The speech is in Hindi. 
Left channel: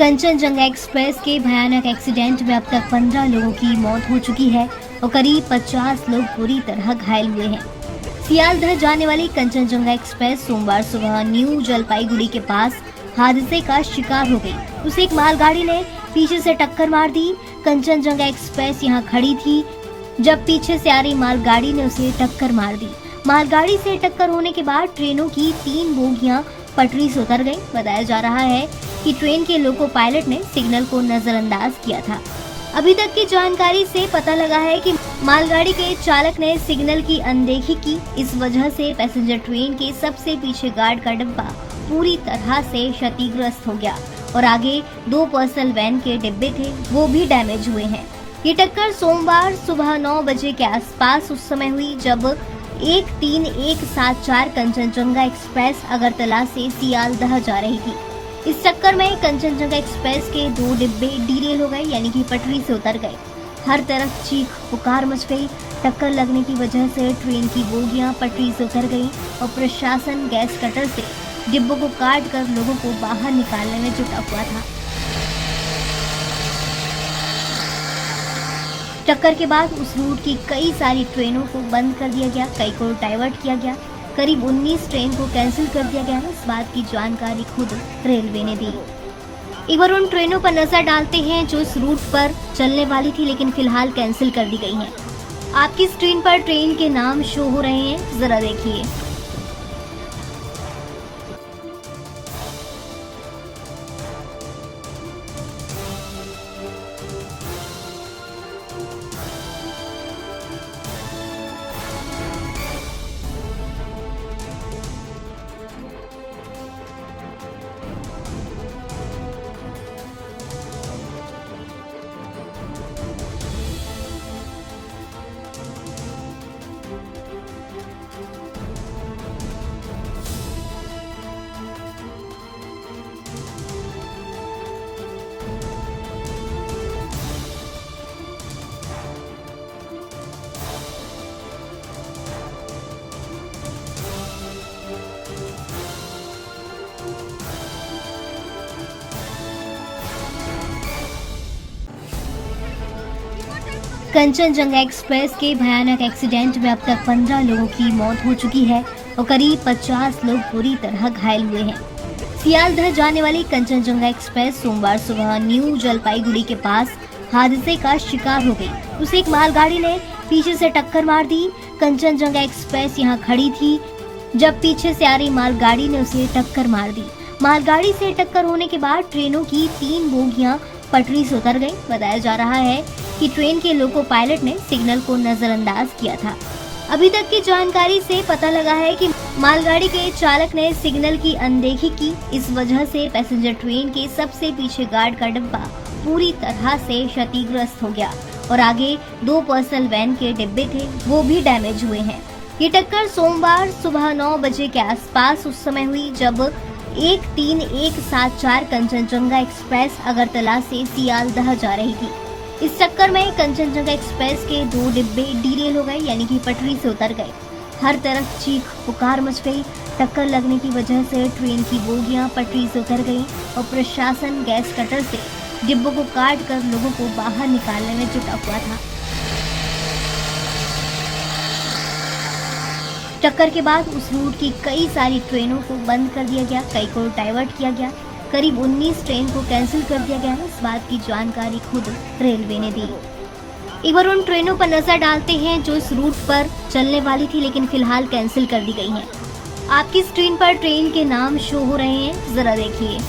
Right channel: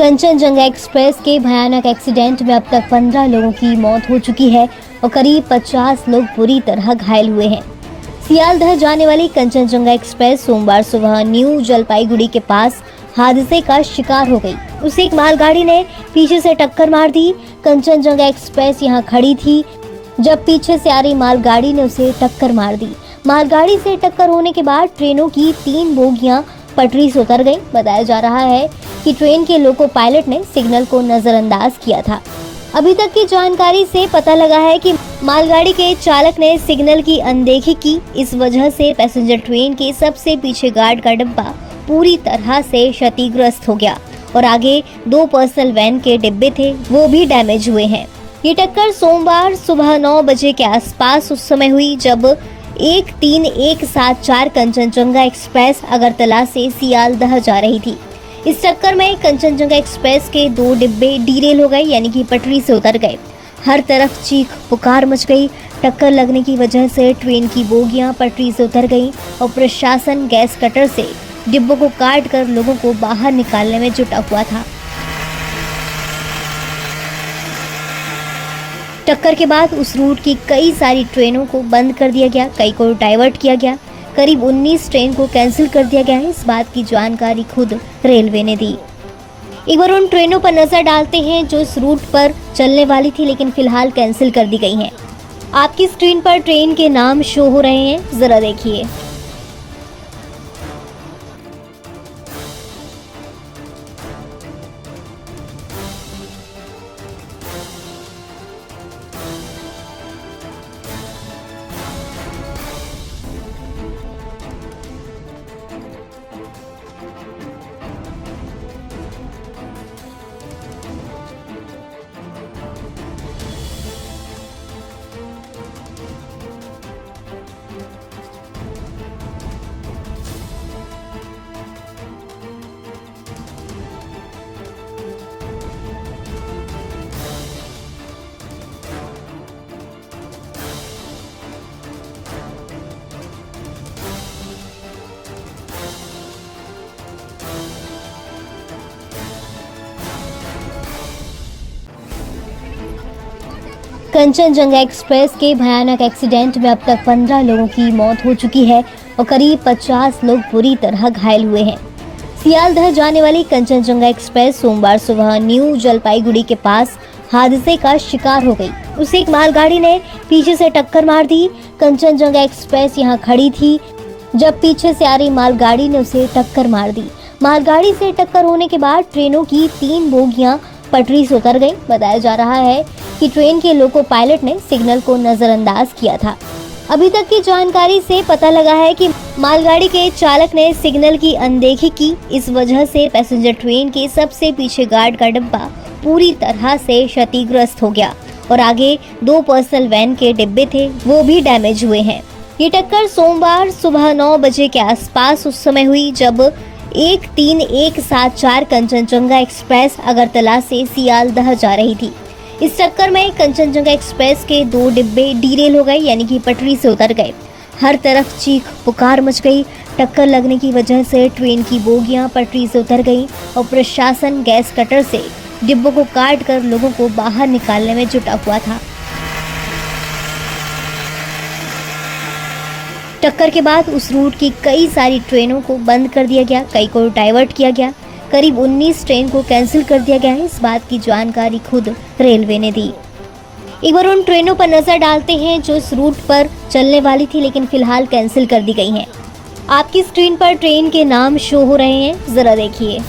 कंचनजंगा एक्सप्रेस के भयानक एक्सीडेंट में अब तक 15 लोगों की मौत हो चुकी है और करीब 50 लोग बुरी तरह घायल हुए हैं। सियालदह जाने वाली कंचनजंगा एक्सप्रेस सोमवार सुबह न्यू जलपाईगुड़ी के पास हादसे का शिकार हो गई। उसे एक मालगाड़ी ने पीछे से टक्कर मार दी। कंचनजंगा एक्सप्रेस यहां खड़ी थी जब पीछे से आ रही मालगाड़ी ने उसे टक्कर मार दी। मालगाड़ी से टक्कर होने के बाद ट्रेनों की 3 बोगियां पटरी से उतर गई। बताया जा रहा है कि ट्रेन के लोको पायलट ने सिग्नल को नजरअंदाज किया था। अभी तक की जानकारी से पता लगा है कि मालगाड़ी के चालक ने सिग्नल की अनदेखी की। इस वजह से पैसेंजर ट्रेन के सबसे पीछे गार्ड का डिब्बा पूरी तरह से क्षतिग्रस्त हो गया और आगे 2 पर्सनल वैन के डिब्बे थे, वो भी डैमेज हुए हैं। ये टक्कर सोमवार सुबह 9 बजे के आसपास उस समय हुई जब 13174 कंचनजंगा एक्सप्रेस अगरतला से सियालदह जा रही थी। इस टक्कर में कंचनजंगा एक्सप्रेस के 2 डिब्बे डीरेल हो गए, यानी कि पटरी से उतर गए। हर तरफ चीख पुकार मच गई। टक्कर लगने की वजह से ट्रेन की बोगियां पटरी से उतर गईं और प्रशासन गैस कटर से डिब्बों को काट कर लोगों को बाहर निकालने में जुटा हुआ था। टक्कर के बाद उस रूट की कई सारी ट्रेनों को बंद कर दिया गया, कई को डाइवर्ट किया गया। करीब 19 ट्रेन को कैंसिल कर दिया गया है। इस बात की जानकारी खुद रेलवे ने दी। एक बार उन ट्रेनों पर नजर डालते हैं जो इस रूट पर चलने वाली थी लेकिन फिलहाल कैंसिल कर दी गई हैं। आपकी स्क्रीन पर ट्रेन के नाम शो हो रहे हैं, जरा देखिए। कंचनजंगा एक्सप्रेस के भयानक एक्सीडेंट में अब तक 15 लोगों की मौत हो चुकी है और करीब 50 लोग बुरी तरह घायल हुए हैं। सियालदह जाने वाली कंचनजंगा एक्सप्रेस सोमवार सुबह न्यू जलपाईगुड़ी के पास हादसे का शिकार हो गई। उसे एक मालगाड़ी ने पीछे से टक्कर मार दी। कंचनजंगा एक्सप्रेस यहां खड़ी थी जब पीछे से आ रही मालगाड़ी ने उसे टक्कर मार दी। मालगाड़ी से टक्कर होने के बाद ट्रेनों की 3 बोगियां पटरी से उतर गई। बताया जा रहा है कि ट्रेन के लोको पायलट ने सिग्नल को नजरअंदाज किया था। अभी तक की जानकारी से पता लगा है कि मालगाड़ी के चालक ने सिग्नल की अनदेखी की। इस वजह से पैसेंजर ट्रेन के सबसे पीछे गार्ड का डिब्बा पूरी तरह से क्षतिग्रस्त हो गया और आगे 2 पर्सनल वैन के डिब्बे थे, वो भी डैमेज हुए हैं। ये टक्कर सोमवार सुबह 9 बजे के आसपास उस समय हुई जब 13174 कंचनजंगा एक्सप्रेस अगरतला से सियालदह जा रही थी। इस टक्कर में कंचनजंगा एक्सप्रेस के 2 डिब्बे डीरेल हो गए, यानी कि पटरी से उतर गए। हर तरफ चीख पुकार मच गई। टक्कर लगने की वजह से ट्रेन की बोगियां पटरी से उतर गईं और प्रशासन गैस कटर से डिब्बों को काट कर लोगों को बाहर निकालने में जुटा हुआ था। टक्कर के बाद उस रूट की कई सारी ट्रेनों को बंद कर दिया गया, कई को डाइवर्ट किया गया। करीब 19 ट्रेन को कैंसिल कर दिया गया है। इस बात की जानकारी खुद रेलवे ने दी। एक बार उन ट्रेनों पर नजर डालते हैं जो इस रूट पर चलने वाली थी लेकिन फिलहाल कैंसिल कर दी गई हैं। आपकी स्क्रीन पर ट्रेन के नाम शो हो रहे हैं, जरा देखिए।